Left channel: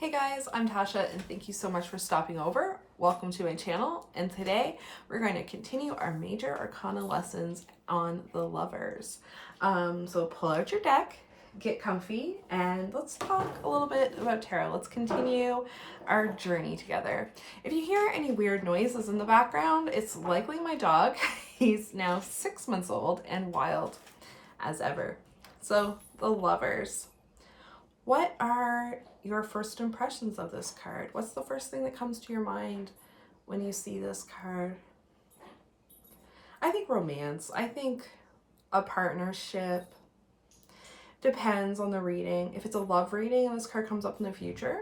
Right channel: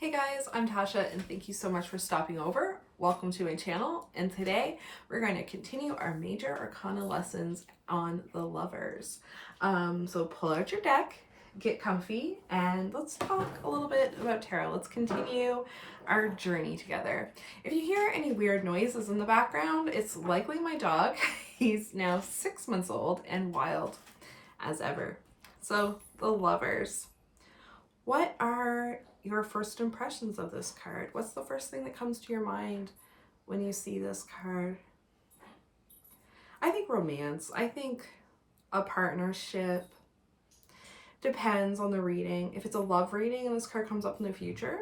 Hey guys, I'm Tasha and thank you so much for stopping over. Welcome to my channel, and today we're going to continue our major arcana lessons on the lovers. So pull out your deck, get comfy, and let's talk a little bit about tarot. Let's continue our journey together. If you hear any weird noises in the background, it's likely my dog. He's now 6 months old and wild as ever. So the lovers. What are your first impressions of this card? What's the first thing that comes to your mind when you see this card? I think romance. I think a partnership. Depends on the reading. If it's a love reading and this card comes up in the future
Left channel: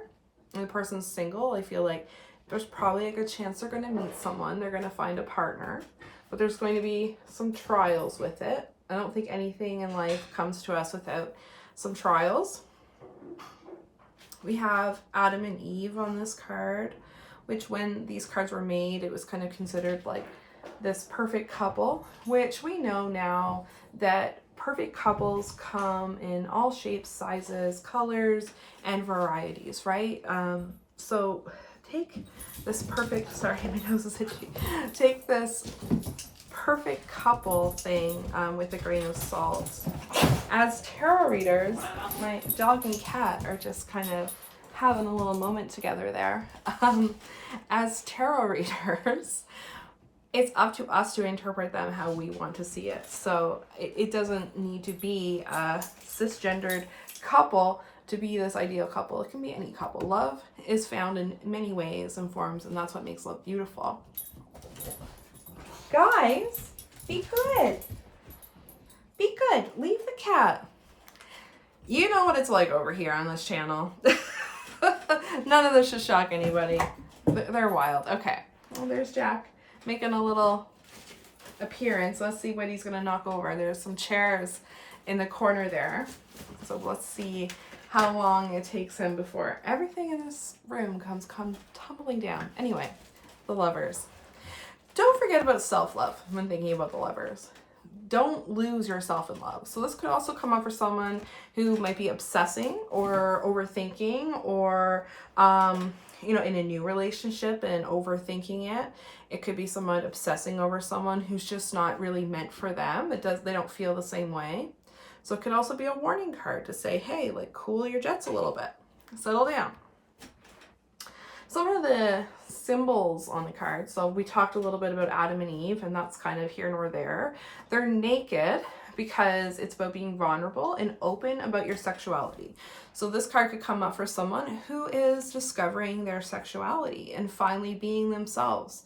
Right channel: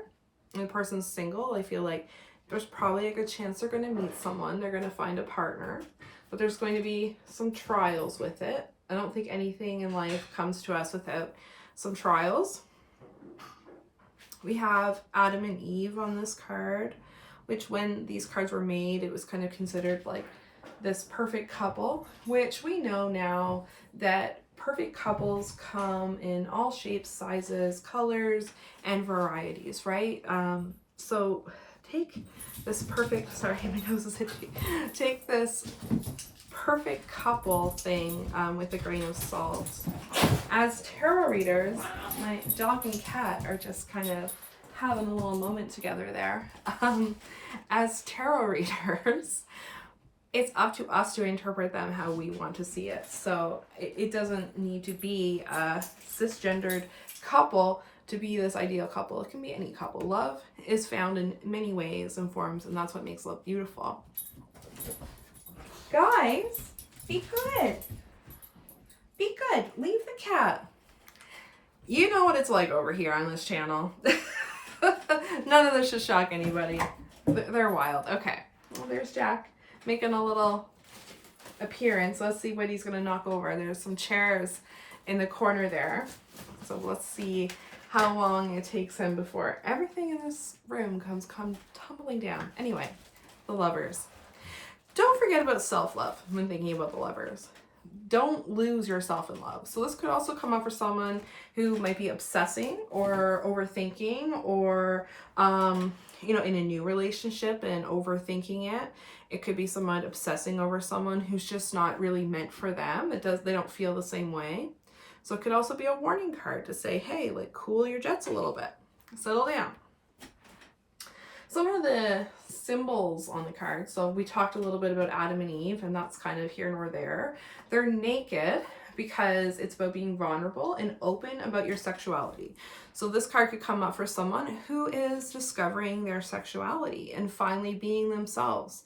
and the person's single, I feel like there's probably a good chance they're going to meet someone. They're going to find a partner, but there's going to be some trials with it. I don't think anything in life comes to us without some trials. We have Adam and Eve on this card, which when these cards were made, it was kind of considered like this perfect couple, which we know now that perfect couples come in all shapes, sizes, colors, and varieties, right? So take this perfect, sorry, my nose is itchy. Take this perfect couple thing with a grain of salt. As tarot readers, my dog and cat are just kind of having a little moment together there. As tarot readers, it's up to us to interpret them how we want to see it. So it doesn't need to be a cisgendered couple to be this ideal couple. It can be any couple. Love is found in many ways and forms, and that's what makes love beautiful. Guys, be good. Be good. Leave the cat. You know what it's like over here on this channel. None of this should shock anybody. They're wild. Okay. Well, there's Jack making a little appearance. Let's see what he's going to knock over. There's some chairs in the corner there. So let's see how long it takes him before everything in this room comes tumbling down. Anyway, the lovers. Don't forget about self-love when thinking about the lovers. Don't lose yourself in love. So this could also come up for someone who might be obsessing or overthinking or, in a new relationship and overthinking it. It could be someone obsessing over someone who's just not really meant for them. They don't feel the same way. So it could also be a warning card to say, hey, like cool your jets a little bit, settle down. Some of the symbols on the card. So we talked a little bit about Adam and Eve, and that's kind of here nor there. They're naked because it's about being vulnerable and open about your sexuality. So this card could come up for someone who is discovering their sexuality and finally being themselves.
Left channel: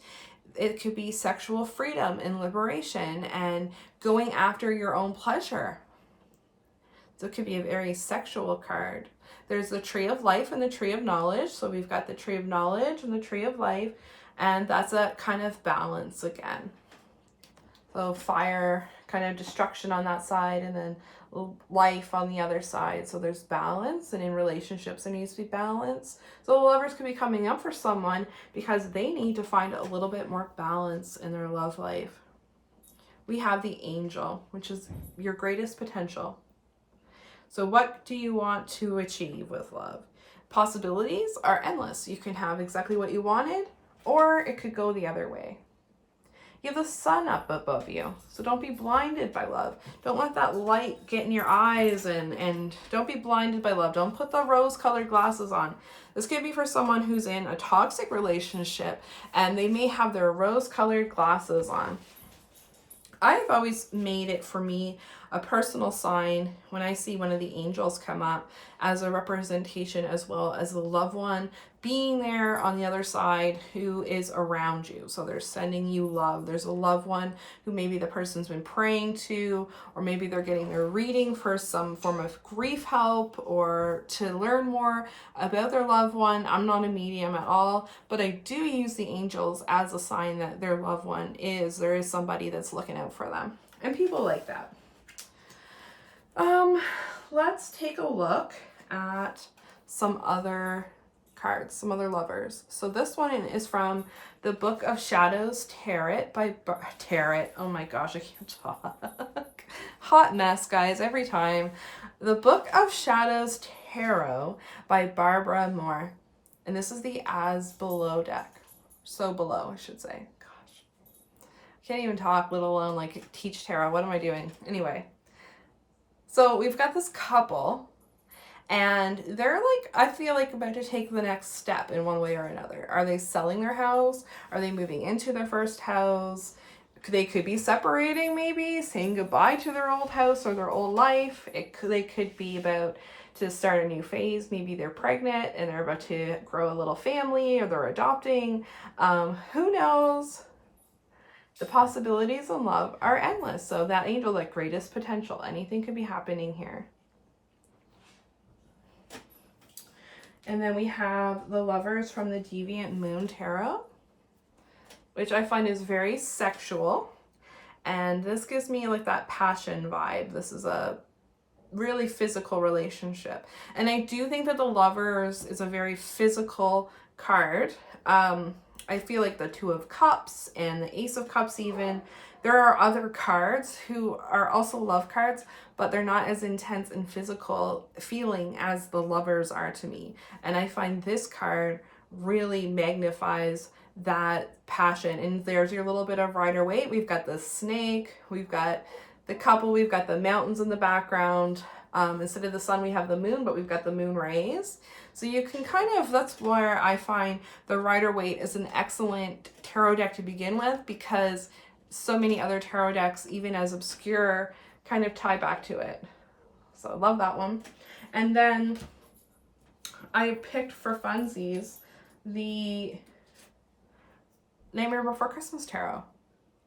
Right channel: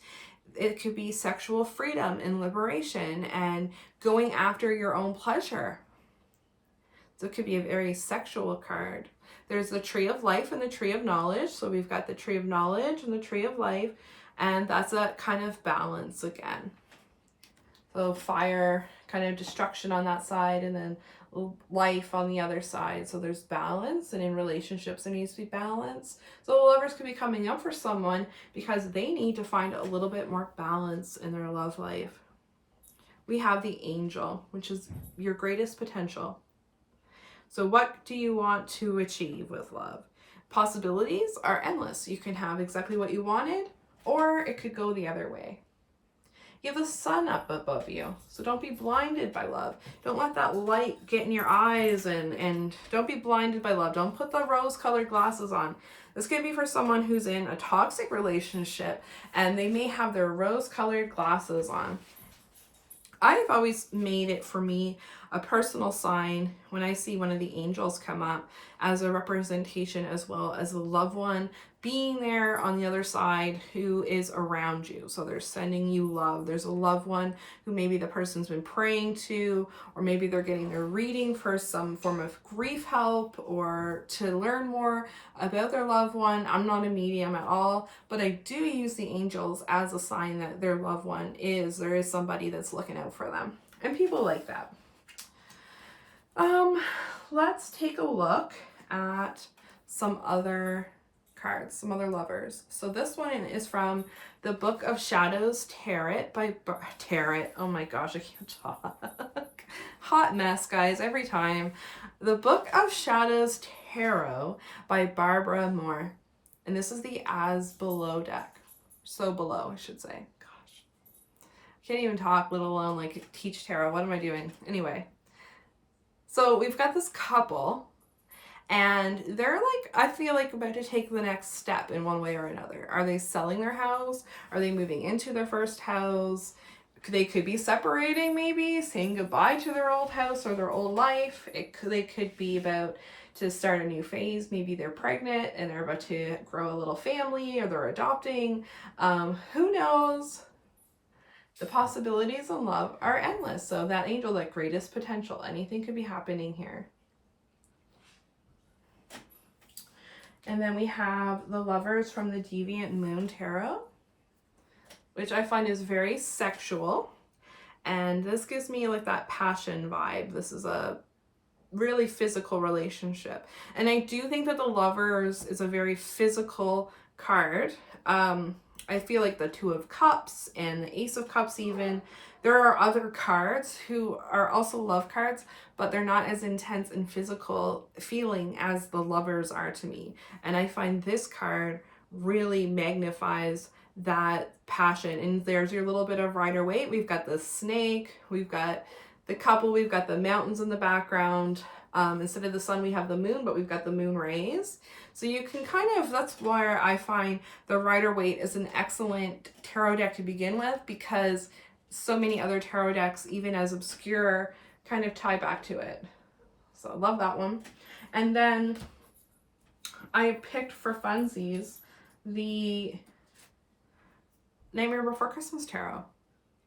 It could be sexual freedom and liberation and going after your own pleasure. So it could be a very sexual card. There's the tree of life and the tree of knowledge. So we've got the tree of knowledge and the tree of life, and that's a kind of balance again. So fire, kind of destruction on that side, and then life on the other side. So there's balance, and in relationships there needs to be balance. So the lovers could be coming up for someone because they need to find a little bit more balance in their love life. We have the angel, which is your greatest potential. So what do you want to achieve with love? Possibilities are endless. You can have exactly what you wanted, or it could go the other way. You have the sun up above you, so don't be blinded by love. Don't let that light get in your eyes, and don't be blinded by love. Don't put the rose-colored glasses on. This could be for someone who's in a toxic relationship, and they may have their rose-colored glasses on. I've always made it for me a personal sign when I see one of the angels come up as a representation as well as a loved one being there on the other side who is around you. So they're sending you love. There's a loved one who maybe the person's been praying to, or maybe they're getting their reading for some form of grief help or to learn more about their loved one. I'm not a medium at all, but I do use the angels as a sign that their loved one there is somebody that's looking out for them. And people like that. Let's take a look at some other cards, some other lovers. So this one is from the Book of Shadows Chariot by Chariot. Oh my gosh, I can't talk. Hot mess, guys, every time. The Book of Shadows Tarot by Barbara Moore. And this is the As Below deck. So below, I should say. Gosh. I can't even talk, let alone like teach tarot. What am I doing? Anyway. So we've got this couple, and they're like, I feel like about to take the next step in one way or another. Are they selling their house? Are they moving into their first house? They could be separating, maybe saying goodbye to their old house or their old life. They could be about to start a new phase. Maybe they're pregnant and they're about to grow a little family, or they're adopting. Who knows? The possibilities in love are endless. So that angel, like greatest potential, anything could be happening here. And then we have the Lovers from the Deviant Moon Tarot, which I find is very sexual. And this gives me like that passion vibe. This is a really physical relationship. And I do think that the Lovers is a very physical card. I feel like the Two of Cups and the Ace of Cups even. There are other cards who are also love cards, but they're not as intense and physical feeling as the Lovers are to me. And I find this card really magnifies that passion. And there's your little bit of Rider-Waite. We've got the snake, we've got the couple, we've got the mountains in the background. Instead of the sun, we have the moon, but we've got the moon rays. So you can kind of, that's where I find the Rider-Waite is an excellent tarot deck to begin with, because so many other tarot decks, even as obscure, kind of tie back to it. So I love that one. And then I picked for funsies the Nightmare Before Christmas Tarot,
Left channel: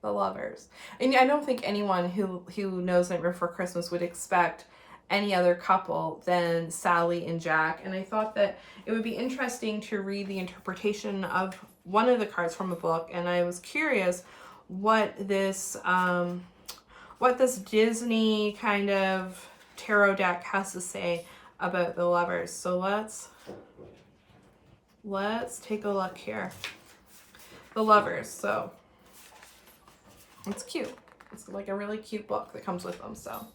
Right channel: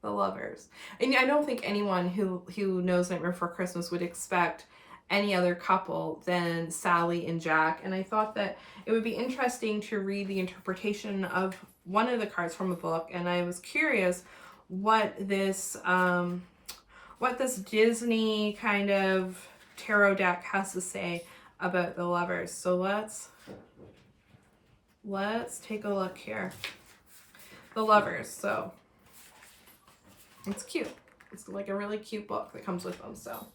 the Lovers. And I don't think anyone who knows Nightmare Before Christmas would expect any other couple than Sally and Jack. And I thought that it would be interesting to read the interpretation of one of the cards from a book. And I was curious what this Disney kind of tarot deck has to say about the Lovers. So let's take a look here. The Lovers. So it's cute. It's like a really cute book that comes with them. So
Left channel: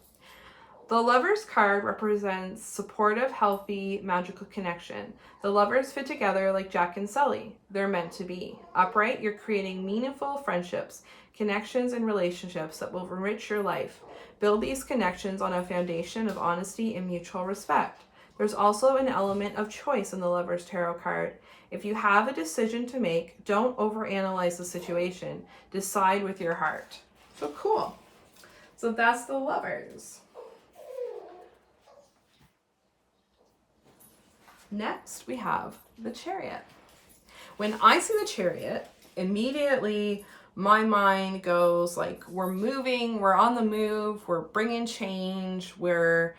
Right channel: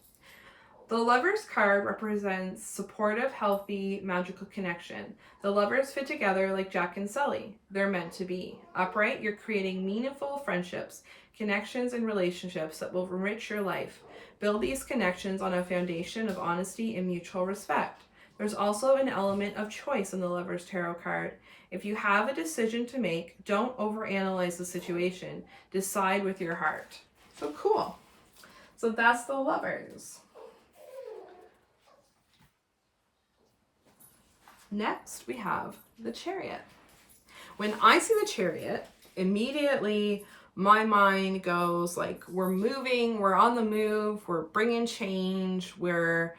the Lovers card represents supportive, healthy, magical connection. The Lovers fit together like Jack and Sully. They're meant to be. Upright, you're creating meaningful friendships, connections, and relationships that will enrich your life. Build these connections on a foundation of honesty and mutual respect. There's also an element of choice in the Lovers tarot card. If you have a decision to make, don't overanalyze the situation. Decide with your heart. So cool. So that's the Lovers. Next, we have the Chariot. When I see the Chariot, immediately my mind goes like, we're moving, we're on the move, we're bringing change, we're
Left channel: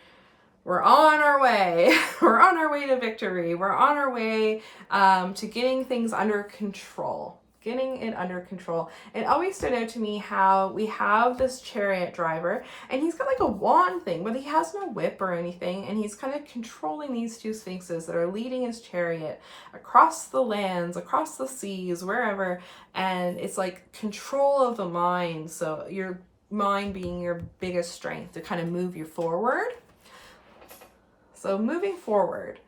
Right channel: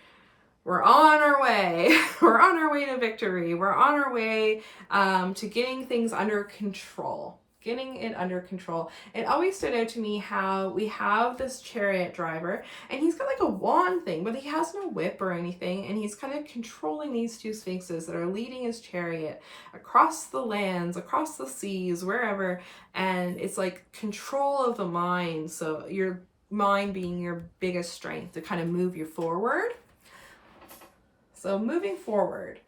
on our way. We're on our way to victory. We're on our way to getting things under control. Getting it under control. It always stood out to me how we have this chariot driver, and he's got like a wand thing, but he has no whip or anything, and he's kind of controlling these two sphinxes that are leading his chariot across the lands, across the seas, wherever, and it's like control of the mind. So your mind being your biggest strength to kind of move you forward. So moving forward,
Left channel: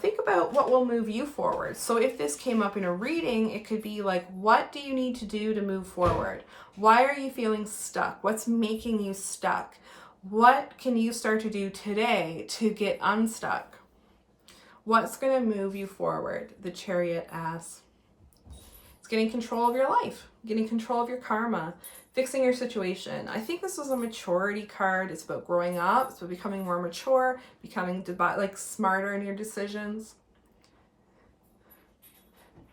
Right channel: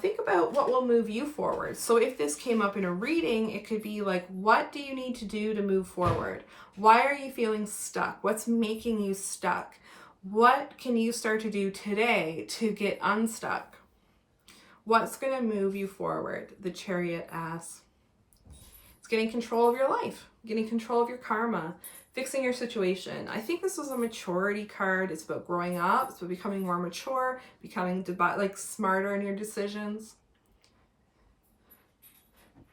think about what will move you forward. So if this came up in a reading, it could be like, what do you need to do to move forward? Why are you feeling stuck? What's making you stuck? What can you start to do today to get unstuck? What's going to move you forward? The Chariot asks. It's getting control of your life, getting control of your karma, fixing your situation. I think this was a maturity card. It's about growing up. It's about becoming more mature, becoming like smarter in your decisions.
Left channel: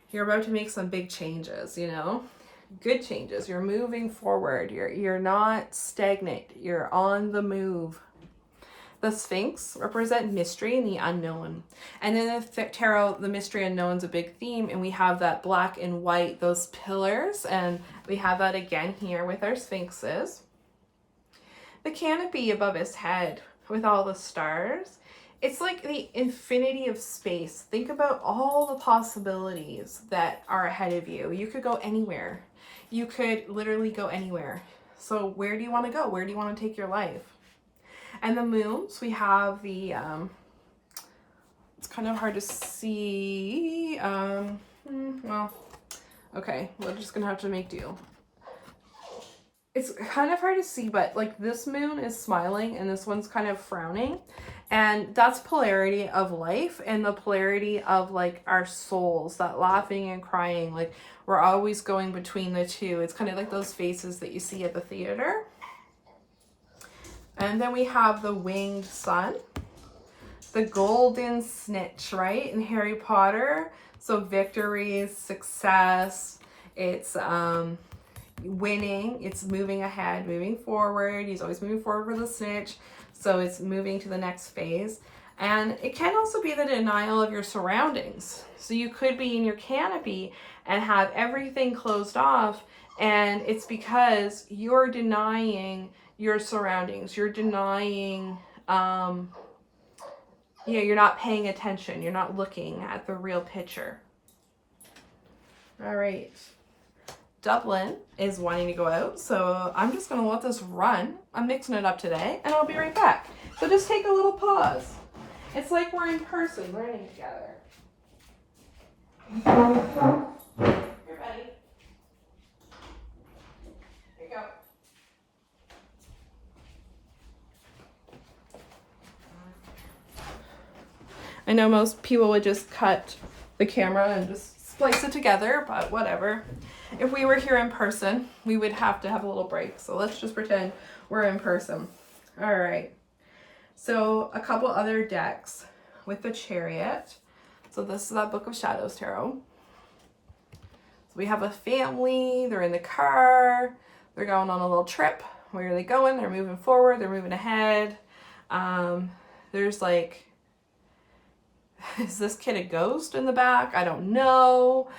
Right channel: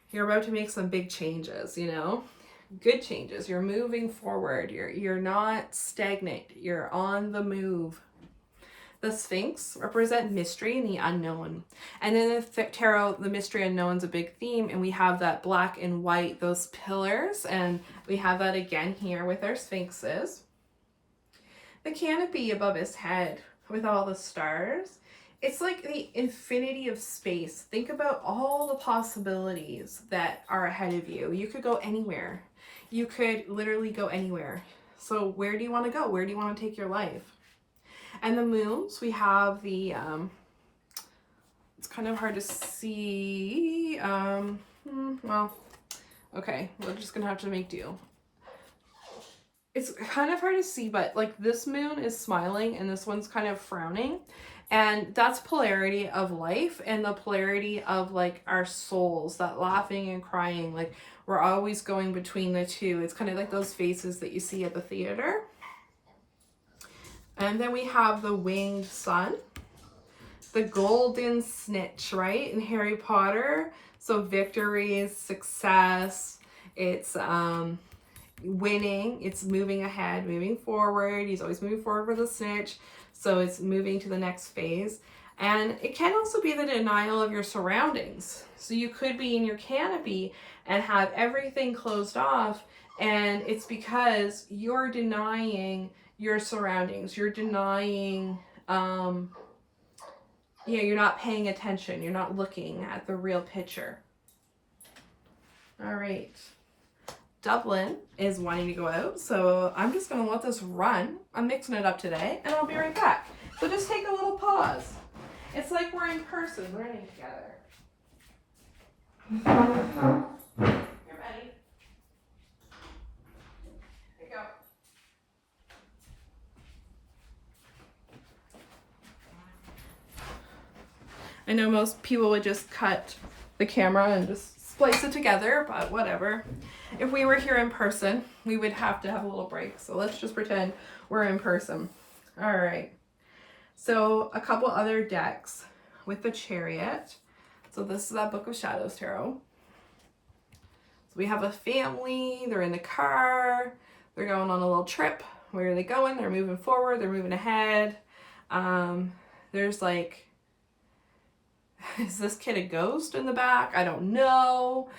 You're about to make some big changes, you know, good changes. You're moving forward. You're not stagnant. You're on the move. The Sphinx represent mystery and the unknown. And in the tarot, the mystery unknown is a big theme, and we have that black and white, those pillars, and we have that again here with our Sphinxes. The canopy above his head with all the stars, it's like the infinity of space. Think about all the possibilities that are ahead of you. You could go anywhere. You could literally go anywhere. So where do you want to go? Where do you want to take your life? And the moons, we have the, it's kind of hard to see. Well, okay, we're just gonna have to make do. It's kind of hard to see, but like this moon is smiling and this one's kind of frowning. And that's polarity of life and the polarity of like our souls, that laughing and crying. Like we're always going between the two. It's kind of like those faces that you see at the theater. And then we have the winged sun, the golden snitch, right? In Harry Potter. So victory, success, it's winning, it's moving ahead, moving forward. He's always moving forward for the snitch, so it's moving to the next phase. And it can also be the denial of your surroundings. So you could be in your canopy and have everything closed off, and it's because you're denying your surroundings. You're denying you're not paying attention. You're not looking at the real picture. All right. Dublin is wanting to go out, so I'm just going to let this run. I'm mixing it up today, and I'll be right back. So just take a little pause. It's like we're in person learning together. You're ready. Here you go. I know most people would just cut the camera and just splice it together, but whatever. If we were here in person, we would have to have a little break. So let's just pretend we're in person. All right. So a couple other decks with the Chariot. So this is that Book of Shadows Tarot. So we have a family. They're in the car. They're going on a little trip. Where are they going? They're moving forward. They're moving ahead. There's like, is this kid a ghost in the back? I don't know.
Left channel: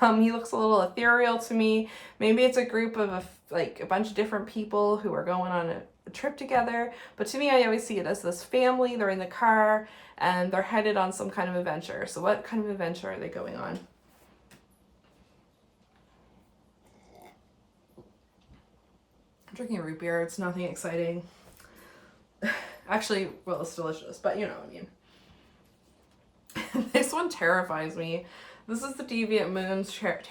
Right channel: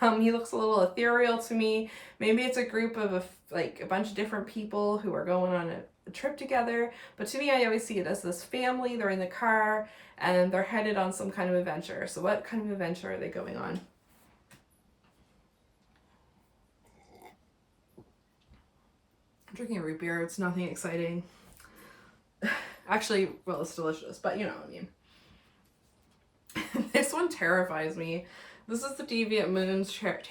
He looks a little ethereal to me. Maybe it's a group of a bunch of different people who are going on a trip together. But to me, I always see it as this family. They're in the car and they're headed on some kind of adventure. So what kind of adventure are they going on? I'm drinking a root beer. It's nothing exciting. Actually, well, it's delicious, but you know what I mean. This one terrifies me. This is the Deviant Moon's God,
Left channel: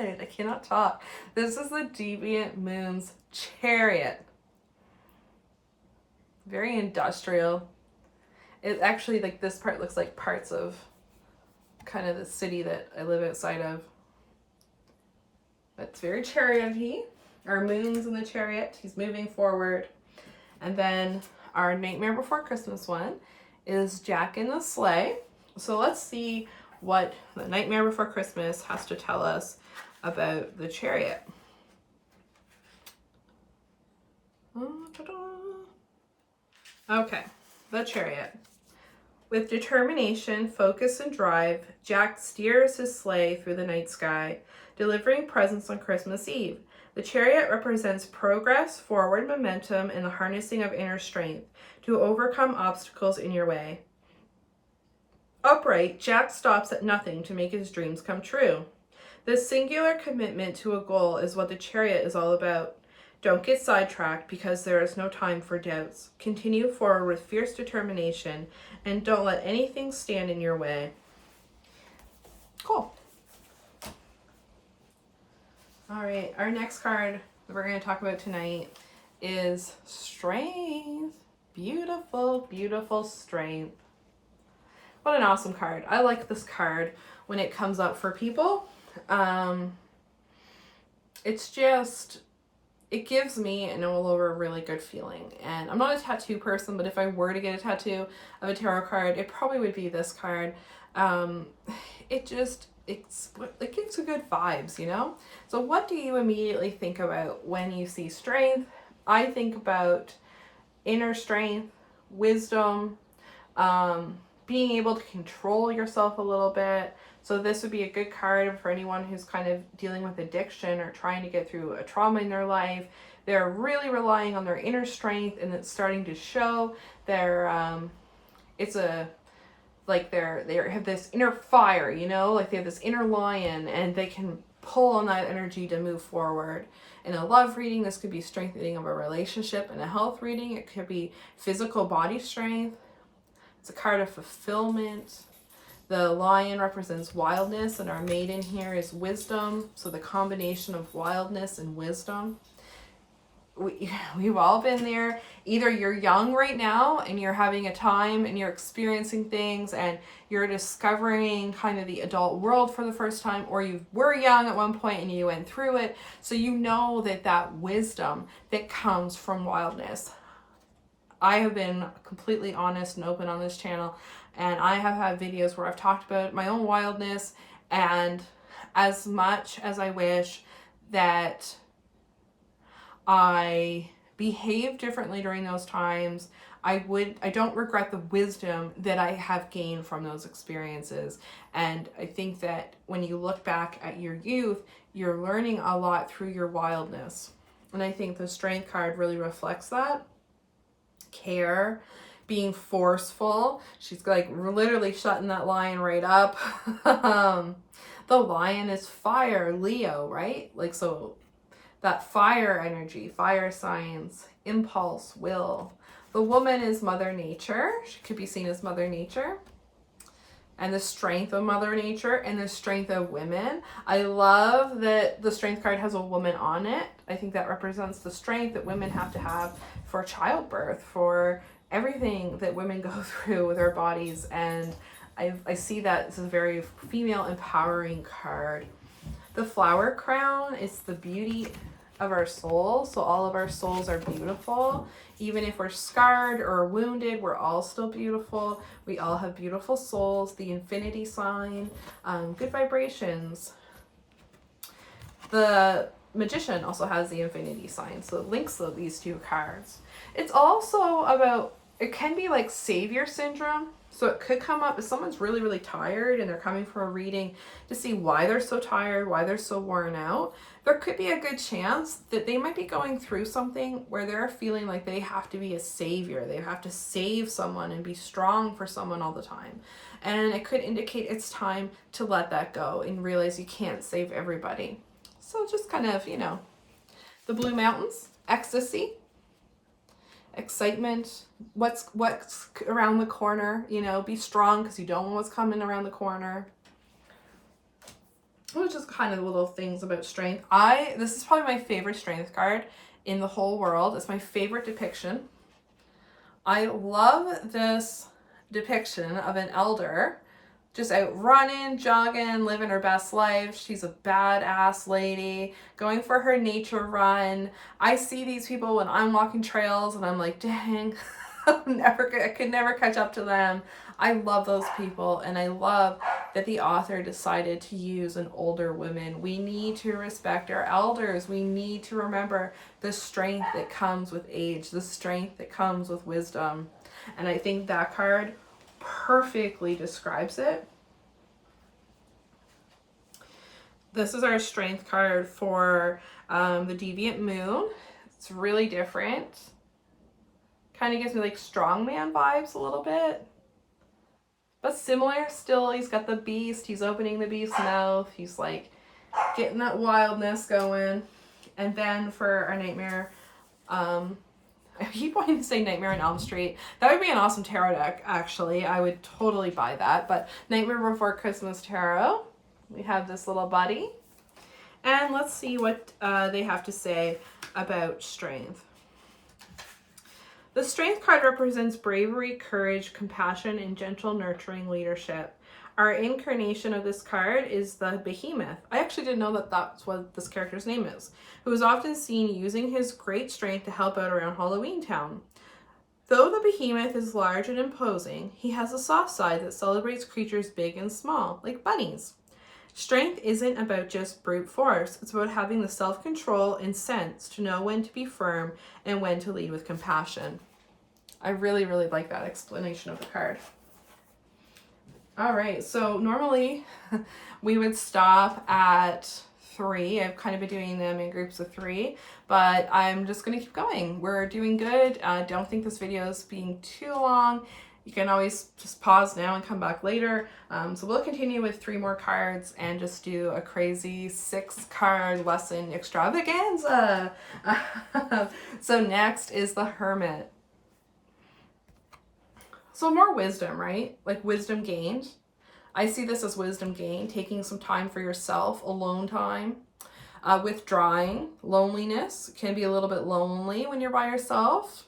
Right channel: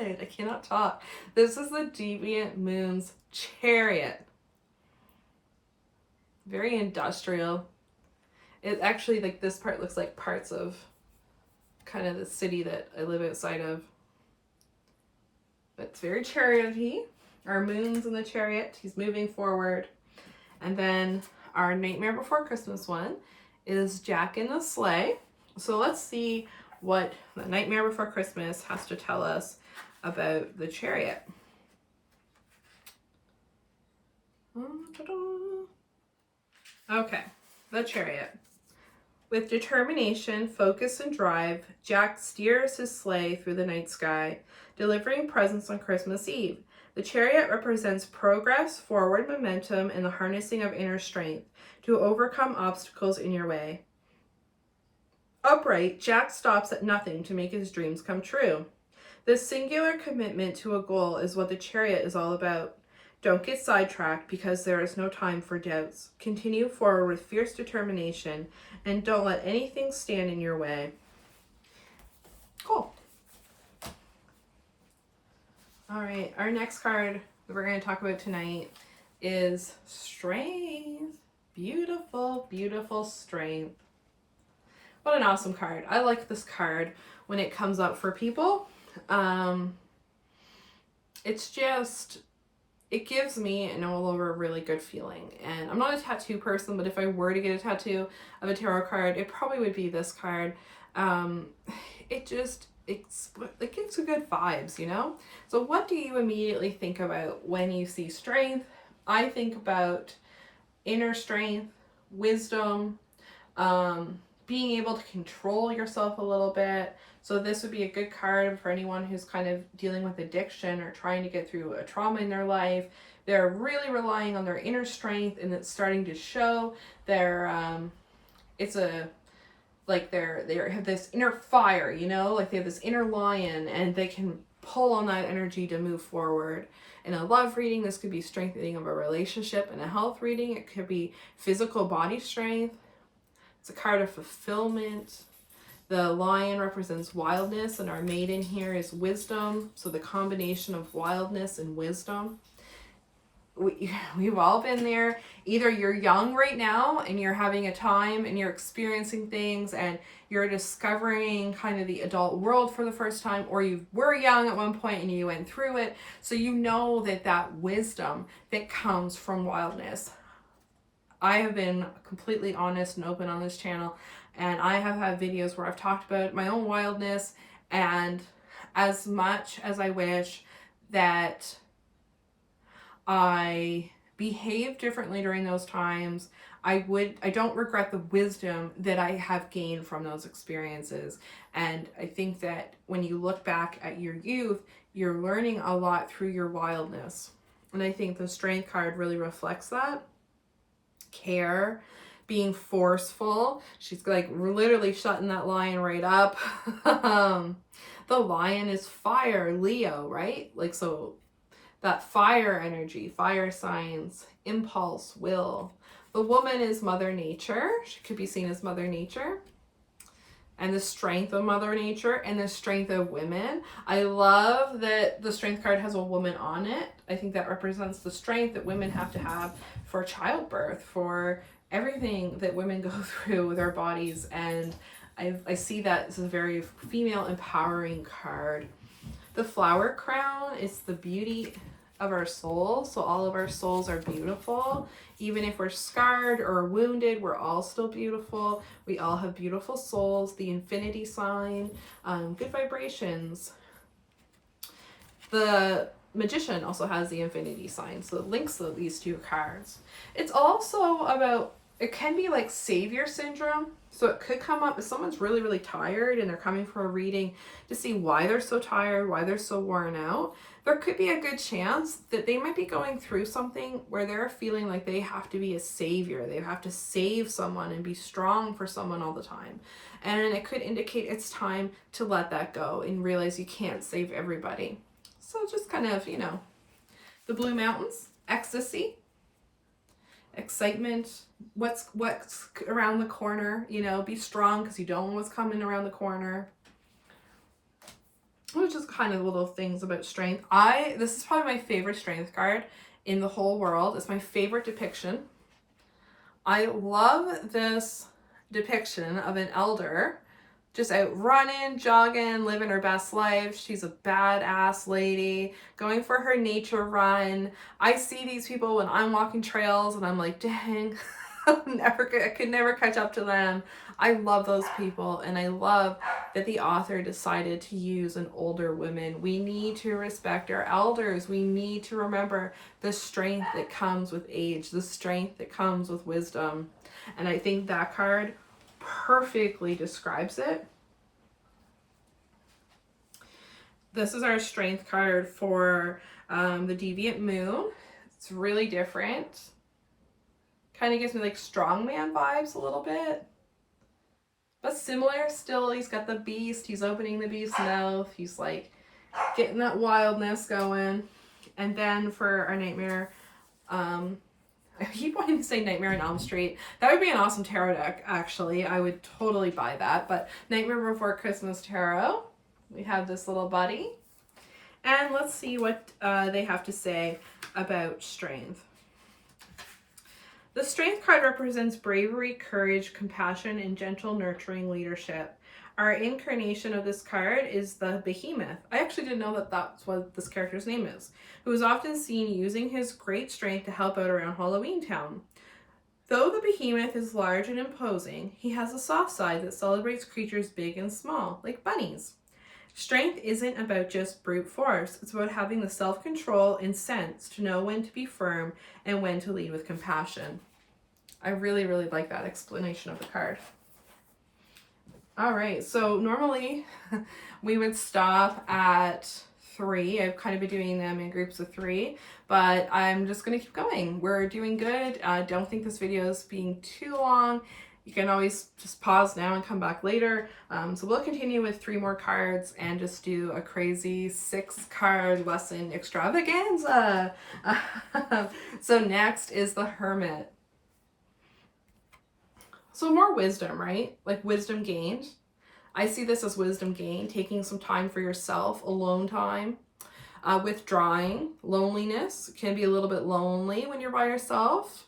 I cannot talk. This is the Deviant Moon's Chariot. Very industrial. It actually, like, this part looks like parts of kind of the city that I live outside of. It's very chariot-y. Our moon's in the chariot. He's moving forward. And then our Nightmare Before Christmas one is Jack in the Sleigh. So let's see what the Nightmare Before Christmas has to tell us about the Chariot. Okay, the Chariot. With determination, focus, and drive, Jack steers his sleigh through the night sky, delivering presents on Christmas Eve. The Chariot represents progress, forward momentum, and the harnessing of inner strength to overcome obstacles in your way. Upright, Jack stops at nothing to make his dreams come true. This singular commitment to a goal is what the Chariot is all about. Don't get sidetracked because there is no time for doubts. Continue forward with fierce determination and don't let anything stand in your way. Cool. All right, our next card that we're going to talk about tonight is Strength. Beautiful, beautiful Strength. What an awesome card. I like this card when it comes up for people. It's just, it gives me and all over a really good feeling. And I'm not a tattoo person, but if I were to get a tattoo of a tarot card, it probably would be this card. It gives good vibes, you know? So what do you immediately think about when you see strength? I think about inner strength, wisdom, being able to control yourself a little bit. So this would be a good card for anyone who's kind of dealing with addiction or trying to get through a trauma in their life. They're really relying on their inner strength and it's starting to show. They have this inner fire, you know, like they have this inner lion and they can pull on that energy to move forward. In a love reading, this could be strengthening of a relationship. In a health reading, it could be physical body strength. It's a card of fulfillment. The lion represents wildness, and our maiden here is wisdom. So the combination of wildness and wisdom. We've all been there. Either you're young right now and you're having a time and you're experiencing things and you're discovering kind of the adult world for the first time, or you were young at one point and you went through it. So you know that wisdom that comes from wildness. I have been completely honest and open on this channel, and I have had videos where I've talked about my own wildness, and as much as I wish that I behaved differently during those times, I don't regret the wisdom that I have gained from those experiences. And I think that when you look back at your youth, you're learning a lot through your wildness. And I think the Strength card really reflects that. Care, being forceful. She's like literally shutting that lion right up. The lion is fire, Leo, right? Like, so that fire energy, fire signs, impulse, will. The woman is Mother Nature. She could be seen as Mother Nature. And the strength of Mother Nature and the strength of women. I love that the Strength card has a woman on it. I think that represents the strength that women have to have for childbirth, for everything that women go through with their bodies. And I see that as a very female empowering card. The flower crown is the beauty of our soul. So all of our souls are beautiful. Even if we're scarred or wounded, we're all still beautiful. We all have beautiful souls. The infinity sign, good vibrations. The Magician also has the infinity sign, so it links these two cards. It's also about, it can be like savior syndrome. So it could come up if someone's really, really tired and they're coming for a reading to see why they're so tired, why they're so worn out. There could be a good chance that they might be going through something where they're feeling like they have to be a savior. They have to save someone and be strong for someone all the time. And it could indicate it's time to let that go and realize you can't save everybody. So just kind of, you know, the Blue Mountains, ecstasy, excitement, what's around the corner, you know, be strong because you don't know what's coming around the corner. It was just kind of little things about strength. This is probably my favorite Strength card in the whole world. It's my favorite depiction. I love this depiction of an elder just out running, jogging, living her best life. She's a badass lady going for her nature run. I see these people when I'm walking trails and I'm like, dang, I could never catch up to them. I love those people, and I love that the author decided to use an older woman. We need to respect our elders. We need to remember the strength that comes with age, the strength that comes with wisdom. And I think that card perfectly describes it. This is our Strength card for the Deviant Moon. It's really different. Kind of gives me like strongman vibes a little bit. But similar still. He's got the beast. He's opening the beast's mouth. He's like getting that wildness going. And then for our Nightmare, I keep wanting to say Nightmare on Elm Street. That would be an awesome tarot deck, actually. I would totally buy that. But Nightmare Before Christmas Tarot. We have this little buddy. And let's see what they have to say about strength. The Strength card represents bravery, courage, compassion, and gentle, nurturing leadership. Our incarnation of this card is the Behemoth. I actually didn't know that that's what this character's name is, who is often seen using his great strength to help out around Halloween Town. Though the Behemoth is large and imposing, he has a soft side that celebrates creatures big and small, like bunnies. Strength isn't about just brute force. It's about having the self-control and sense to know when to be firm and when to lead with compassion. I really, really like that explanation of the card. All right, so normally we would stop at 3. I've kind of been doing them in groups of 3, but I'm just going to keep going. We're doing good. I don't think this video is being too long. You can always just pause now and come back later. So we'll continue with 3 more cards and just do a crazy 6-card lesson extravaganza. So next is the Hermit. So more wisdom, right? Like wisdom gained. I see this as wisdom gained, taking some time for yourself, alone time. Withdrawing, loneliness can be a little bit lonely when you're by yourself.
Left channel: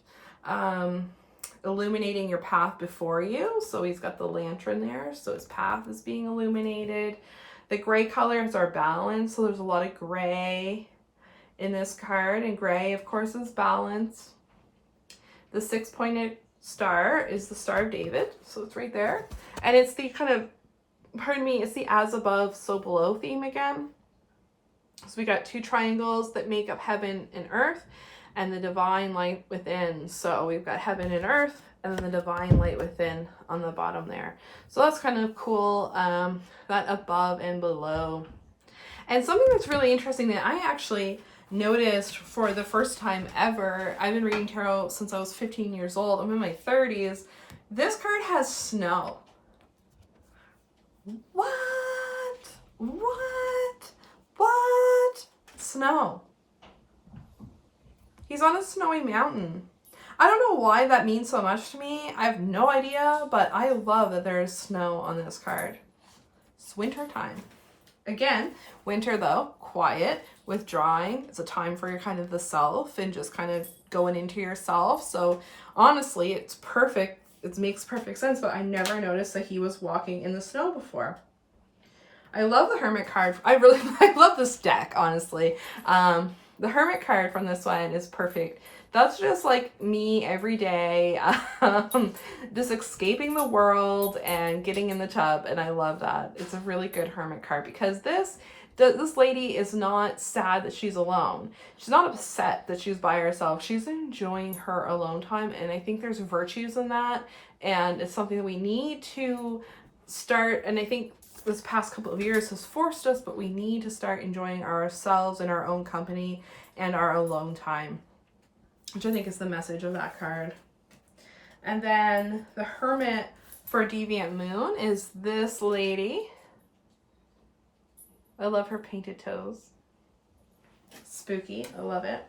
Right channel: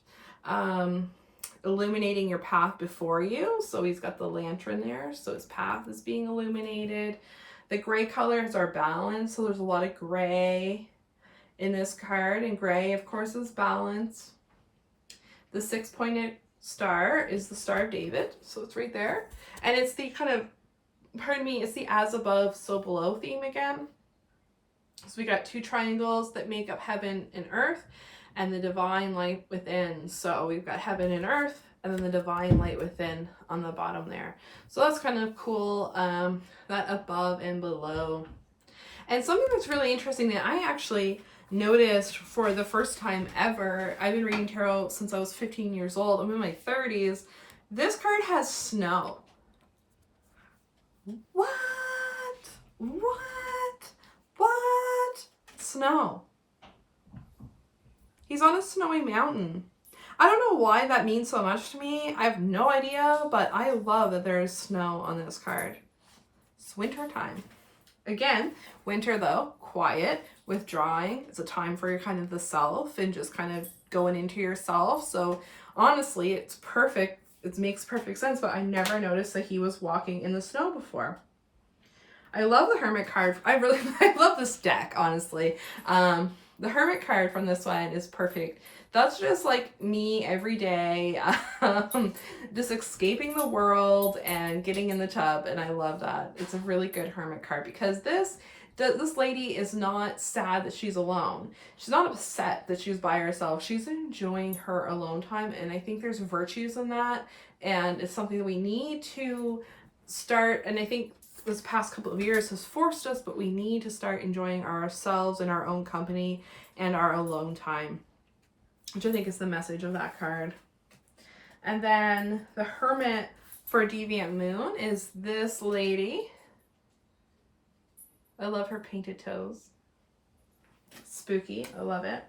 Illuminating your path before you. So he's got the lantern there, so his path is being illuminated. The gray colors are balanced, so there's a lot of gray in this card, and gray, of course, is balance. The 6-pointed star is the Star of David, so it's right there. And it's the kind of, pardon me, it's the as above, so below theme again. So we got 2 triangles that make up heaven and earth, and the divine light within. So we've got heaven and earth, and then the divine light within on the bottom there. So that's kind of cool, that above and below. And something that's really interesting that I actually noticed for the first time ever, I've been reading tarot since I was 15 years old. I'm in my 30s. This card has snow. What? Snow. He's on a snowy mountain. I don't know why that means so much to me. I have no idea, but I love that there is snow on this card. It's winter time. Again, winter though, quiet, withdrawing. It's a time for your kind of the self and just kind of going into yourself. So honestly, it's perfect. It makes perfect sense, but I never noticed that he was walking in the snow before. I love the Hermit card. I love this deck, honestly. The Hermit card from this one is perfect. That's just like me every day, just escaping the world and getting in the tub, and I love that. It's a really good Hermit card because this lady is not sad that she's alone. She's not upset that she's by herself. She's enjoying her alone time, and I think there's virtues in that, and it's something that we need to start, and I think this past couple of years has forced us, but we need to start enjoying ourselves and our own company and our alone time, which I think is the message of that card. And then the Hermit for Deviant Moon is this lady. I love her painted toes. Spooky, I love it.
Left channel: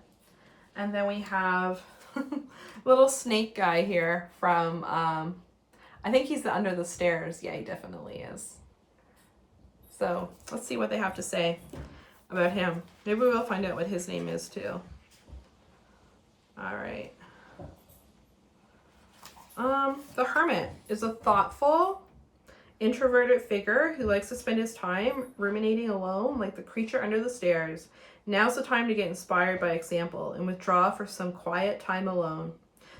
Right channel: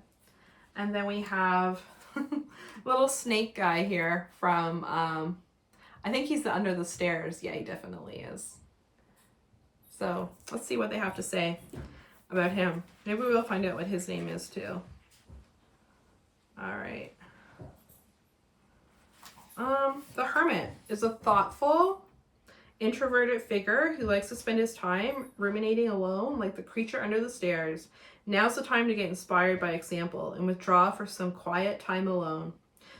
And then we have little snake guy here from, I think he's the Under the Stairs. Yeah, he definitely is. So let's see what they have to say about him. Maybe we'll find out what his name is too. All right. The Hermit is a thoughtful, introverted figure who likes to spend his time ruminating alone like the creature under the stairs. Now's the time to get inspired by example and withdraw for some quiet time alone.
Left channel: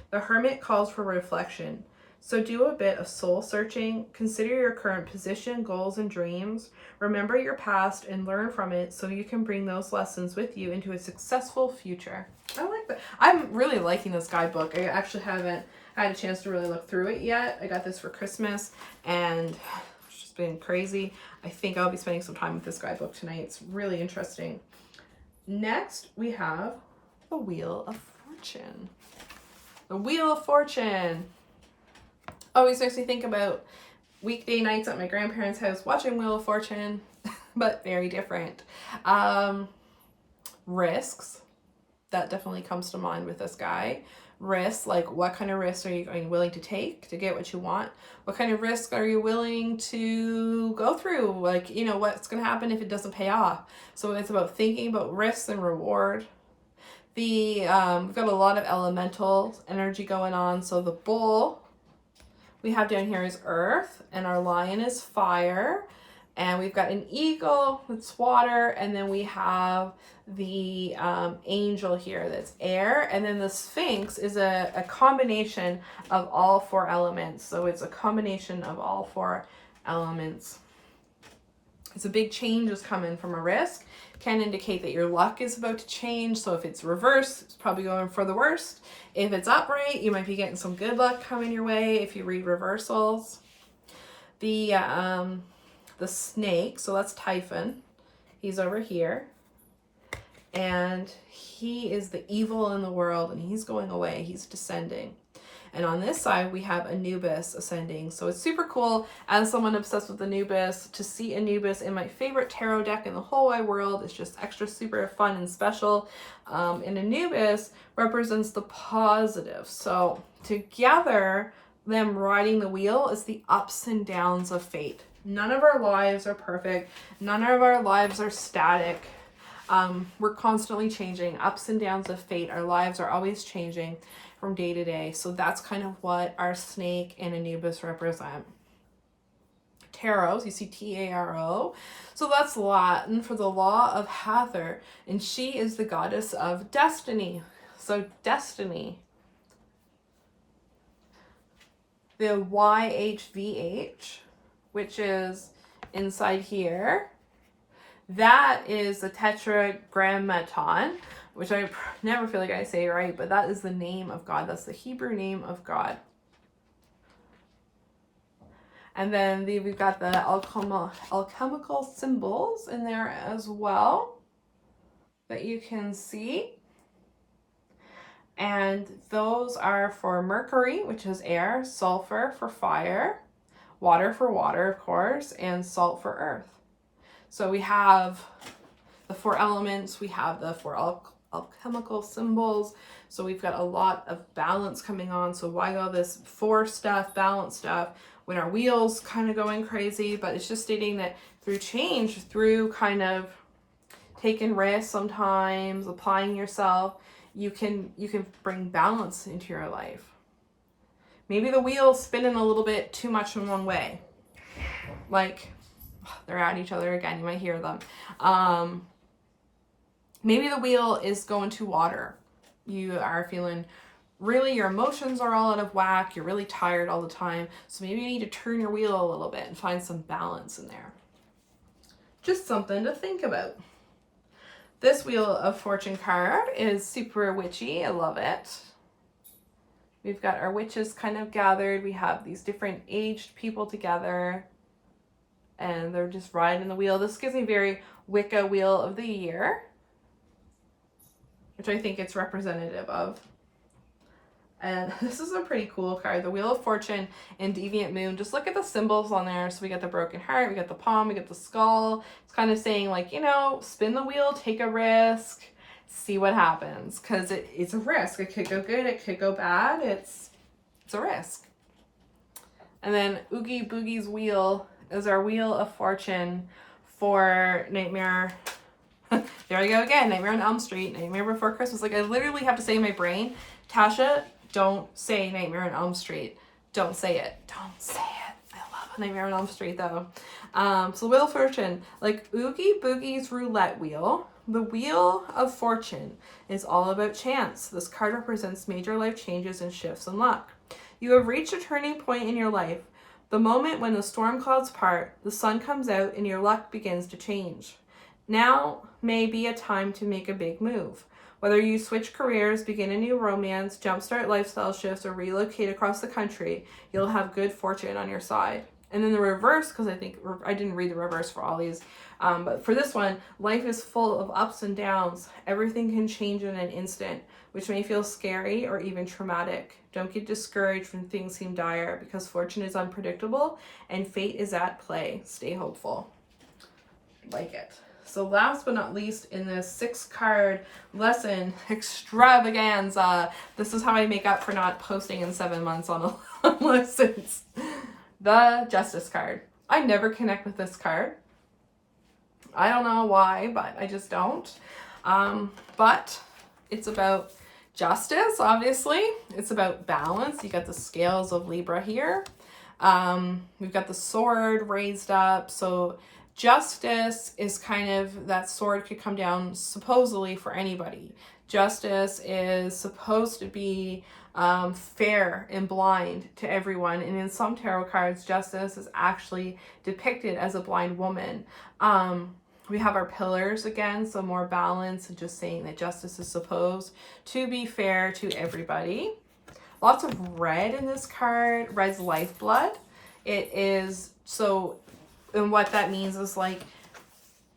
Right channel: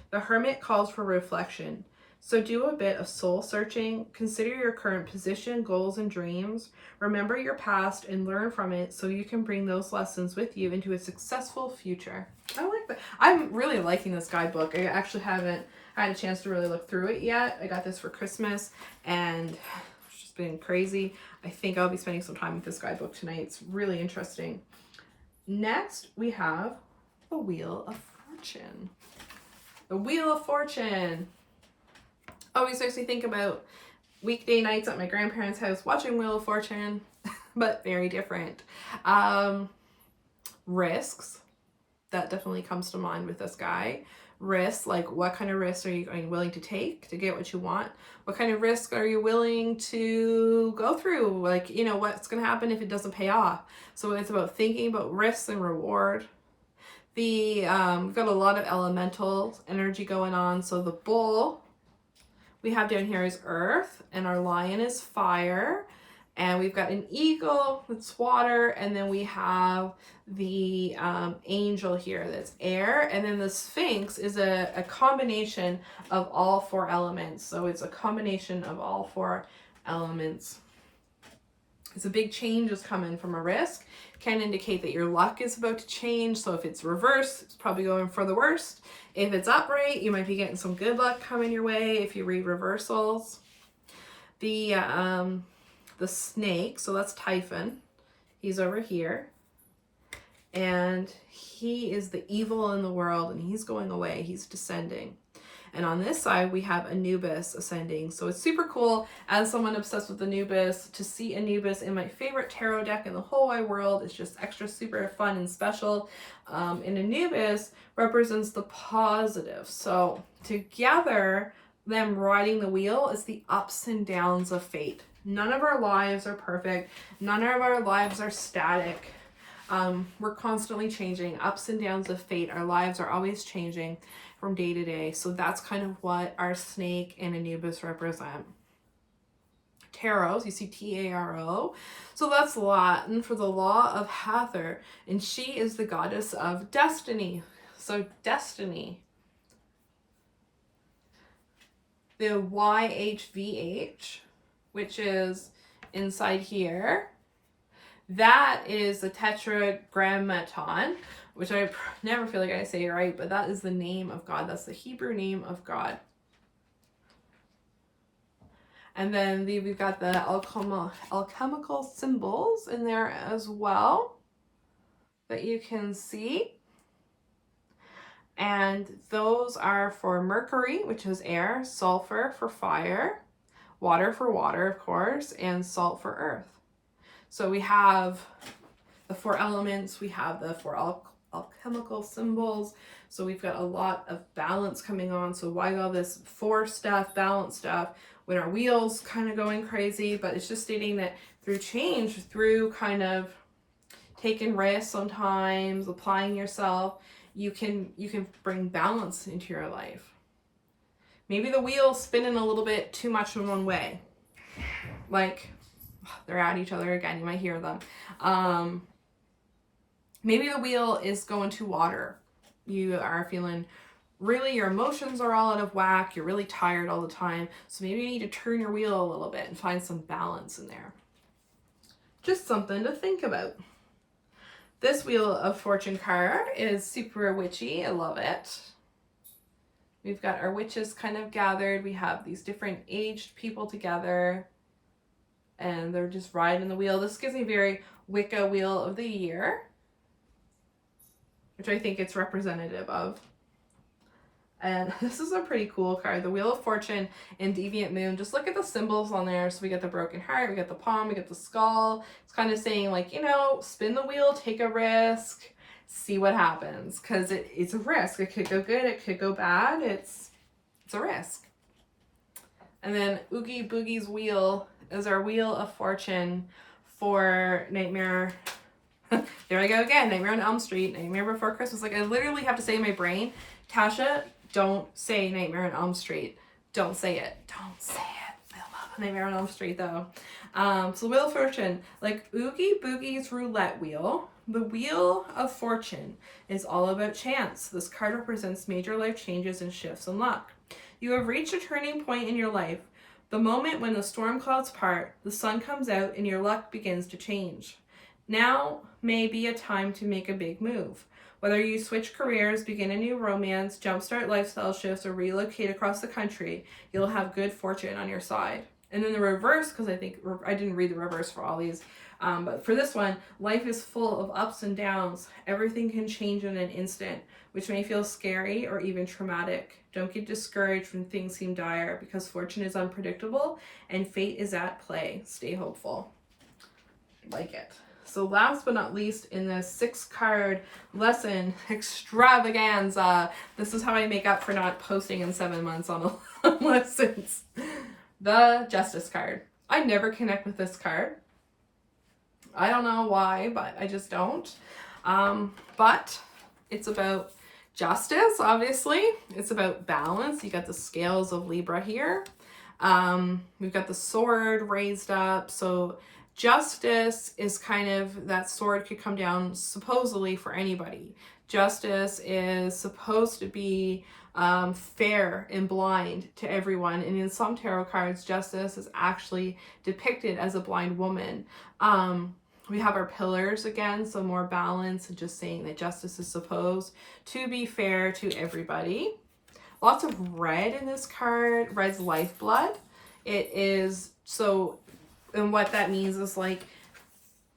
The Hermit calls for reflection. So do a bit of soul searching, consider your current position, goals, and dreams. Remember your past and learn from it so you can bring those lessons with you into a successful future. I like that. I'm really liking this guidebook. I actually haven't had a chance to really look through it yet. I got this for Christmas and it's just been crazy. I think I'll be spending some time with this guidebook tonight. It's really interesting. Next, we have the Wheel of Fortune. The Wheel of Fortune always makes me think about weekday nights at my grandparents' house watching Wheel of Fortune, but very different. Risks, that definitely comes to mind with this guy. Risks, like what kind of risks are you willing to take to get what you want? What kind of risk are you willing to go through? Like, you know, what's going to happen if it doesn't pay off? So it's about thinking about risks and reward. We've got a lot of elemental energy going on. So the bull we have down here is earth, and our lion is fire, and we've got an eagle that's water, and then we have the angel here that's air, and then the Sphinx is a combination of all 4 elements. So it's a combination of all 4 elements. It's a big change is coming from a risk. Can indicate that your luck is about to change. So if it's reversed, it's probably going for the worst. If it's upright, you might be getting some good luck coming your way if you read reversals. The snake, so that's Typhon. He's over here. And he is the evil in the world, and he's going away. He's descending. And on this side, we have Anubis ascending. So it's super cool, as someone obsessed with Anubis, to see Anubis in my favorite tarot deck in the whole wide world. It's just extra super fun and special. And Anubis represents the positive. So together, them riding the wheel is the ups and downs of fate. None of our lives are perfect. None of our lives are static. We're constantly changing, ups and downs of fate. Our lives are always changing from day to day. So that's kind of what our snake and Anubis represent. Tarot, you see T-A-R-O. So that's Latin for the law of Hathor. And she is the goddess of destiny. So destiny. The YHVH, which is inside here, that is the tetragrammaton, which I never feel like I say it right, but that is the name of God. That's the Hebrew name of God. And then we've got the alchemical symbols in there as well that you can see. And those are for Mercury, which is air, sulfur for fire, water for water, of course, and salt for earth. So we have the 4 elements, we have the 4 alchemical symbols. So we've got a lot of balance coming on. So why all this 4 stuff, balance stuff, when our wheel's kind of going crazy? But it's just stating that through change, through kind of taking risks sometimes, applying yourself, you can bring balance into your life. Maybe the wheel's spinning a little bit too much in one way. Like, they're at each other again, you might hear them. Maybe the wheel is going to water. You are feeling really, your emotions are all out of whack. You're really tired all the time. So maybe you need to turn your wheel a little bit and find some balance in there. Just something to think about. This Wheel of Fortune card is super witchy. I love it. We've got our witches kind of gathered. We have these different aged people together, and they're just riding the wheel. This gives me very Wicca Wheel of the Year, which I think it's representative of. And this is a pretty cool card, the Wheel of Fortune and Deviant Moon. Just look at the symbols on there. So we got the broken heart, we got the palm, we got the skull. It's kind of saying, like, you know, spin the wheel, take a risk, see what happens. Because it's a risk. It could go good, it could go bad. It's a risk. And then Oogie Boogie's Wheel is our Wheel of Fortune for Nightmare. There we go again, Nightmare on Elm Street, Nightmare Before Christmas. Like, I literally have to say in my brain, Tasha, don't say Nightmare on Elm Street. Don't say it. Don't say it. I love Nightmare on Elm Street, though. So Wheel of Fortune, like Oogie Boogie's roulette wheel, the Wheel of Fortune is all about chance. This card represents major life changes and shifts in luck. You have reached a turning point in your life, the moment when the storm clouds part, the sun comes out, and your luck begins to change. Now may be a time to make a big move. Whether you switch careers, begin a new romance, jumpstart lifestyle shifts, or relocate across the country, you'll have good fortune on your side. And then the reverse, because I think I didn't read the reverse for all these, but for this one, life is full of ups and downs. Everything can change in an instant, which may feel scary or even traumatic. Don't get discouraged when things seem dire, because fortune is unpredictable and fate is at play. Stay hopeful. Like it. So last but not least, in this 6-card lesson extravaganza, this is how I make up for not posting in 7 months on lessons. The Justice card. I never connect with this card. I don't know why, but I just don't. But it's about justice, obviously. It's about balance. You got the scales of Libra here. We've got the sword raised up. So justice is kind of, that sword could come down supposedly for anybody. Justice is supposed to be fair and blind to everyone. And in some tarot cards, justice is actually depicted as a blind woman. We have our pillars again, so more balance and just saying that justice is supposed to be fair to everybody. Lots of red in this card. Red's lifeblood. It is, so, and what that means is, like,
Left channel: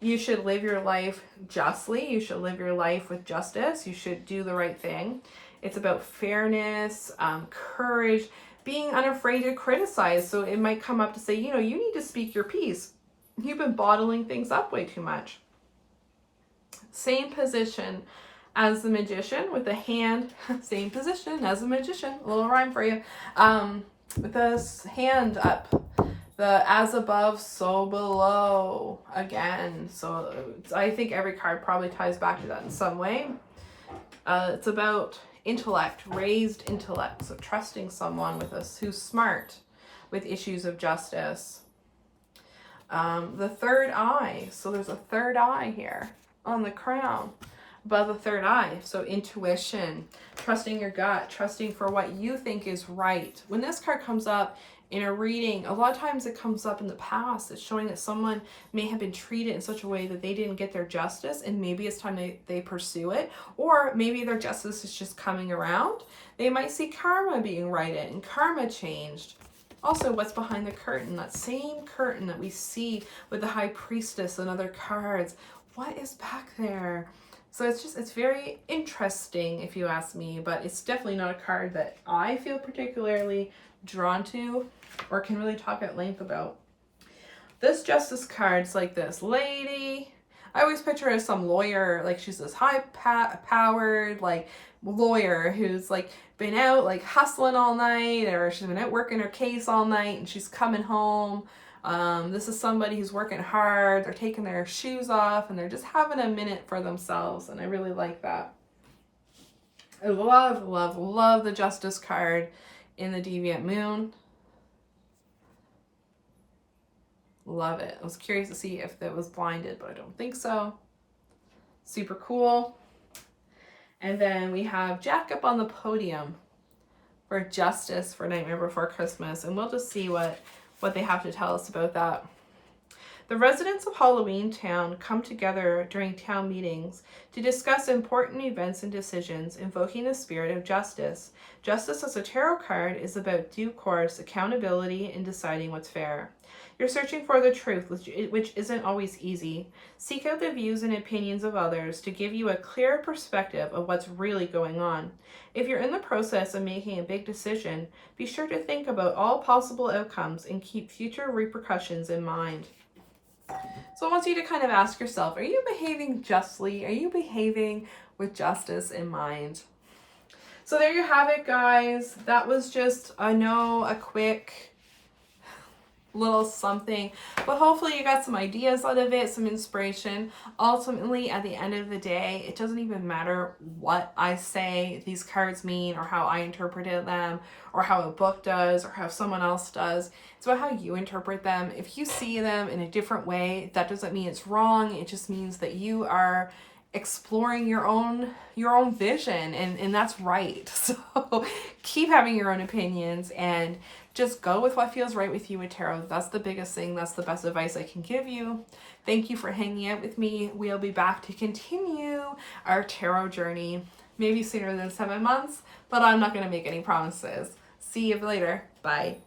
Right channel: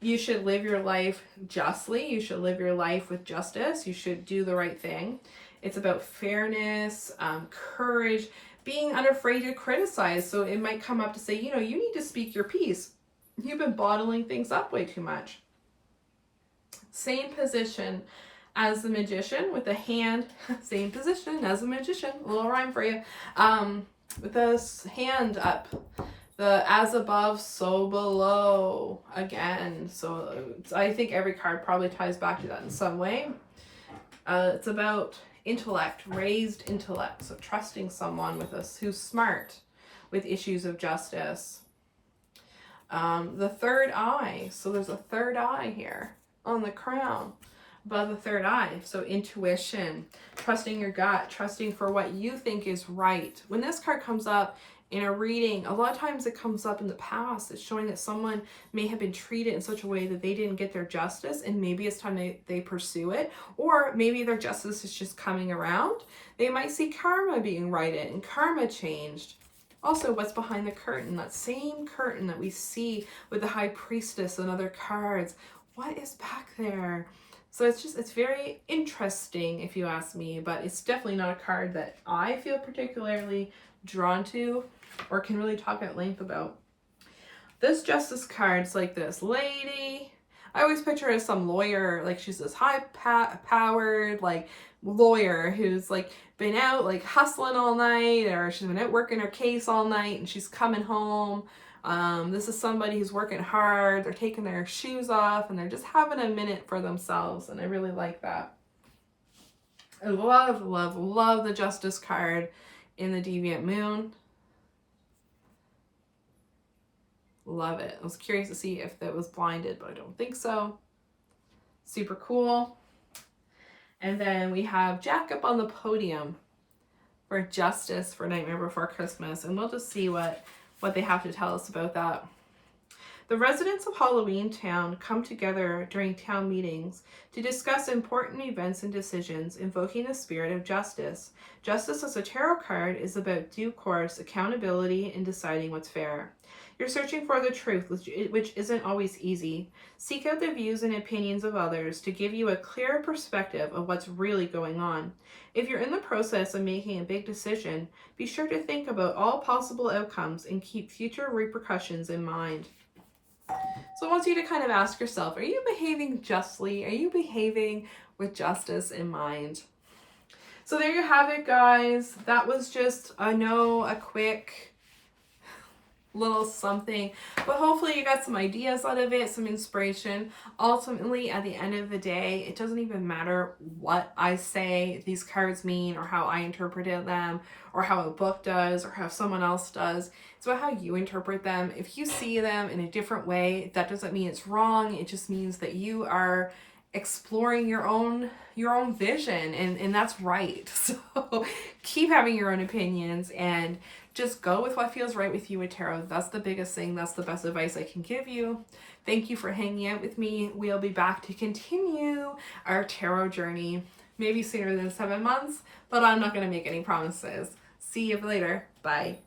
you should live your life justly. You should live your life with justice. You should do the right thing. It's about fairness, courage, being unafraid to criticize. So it might come up to say, you know, you need to speak your piece. You've been bottling things up way too much. Same position as the Magician with the hand. Same position as the Magician. A little rhyme for you. with this hand up, the as above, so below again. So I think every card probably ties back to that in some way. It's about intellect, raised intellect. So trusting someone with us who's smart with issues of justice. The third eye. So there's a third eye here on the crown above the third eye. So intuition, trusting your gut, trusting for what you think is right. When this card comes up in a reading, a lot of times it comes up in the past. It's showing that someone may have been treated in such a way that they didn't get their justice, and maybe it's time they pursue it, or maybe their justice is just coming around. They might see karma being righted and karma changed. Also, what's behind the curtain, that same curtain that we see with the High Priestess and other cards. What is back there? So it's very interesting if you ask me, but it's definitely not a card that I feel particularly drawn to or can really talk at length about. This Justice card's like this lady. I always picture her as some lawyer, like she's this high-powered like lawyer who's like been out like hustling all night, or she's been out working her case all night and she's coming home. This is somebody who's working hard. They're taking their shoes off and they're just having a minute for themselves, and I really like that. I love, love, love the Justice card in the Deviant Moon. Love it. I was curious to see if that was blinded, but I don't think so. Super cool. And then we have Jack up on the podium for Justice for Nightmare Before Christmas, and we'll just see what they have to tell us about that. The residents of Halloween Town come together during town meetings to discuss important events and decisions, invoking the spirit of justice. Justice as a tarot card is about due course, accountability, and deciding what's fair. You're searching for the truth, which isn't always easy. Seek out the views and opinions of others to give you a clearer perspective of what's really going on. If you're in the process of making a big decision, be sure to think about all possible outcomes and keep future repercussions in mind. So I want you to kind of ask yourself, are you behaving justly? Are you behaving with justice in mind? So there you have it, guys. That was just, I know, a quick little something, but hopefully you got some ideas out of it, some inspiration. Ultimately, at the end of the day, it doesn't even matter what I say these cards mean, or how I interpreted them, or how a book does, or how someone else does. It's about how you interpret them. If you see them in a different way, that doesn't mean it's wrong. It just means that you are exploring your own vision, and that's right. So keep having your own opinions and just go with what feels right with you with tarot. That's the biggest thing. That's the best advice I can give you. Thank you for hanging out with me. We'll be back to continue our tarot journey, maybe sooner than 7 months, but I'm not going to make any promises. See you later. Bye.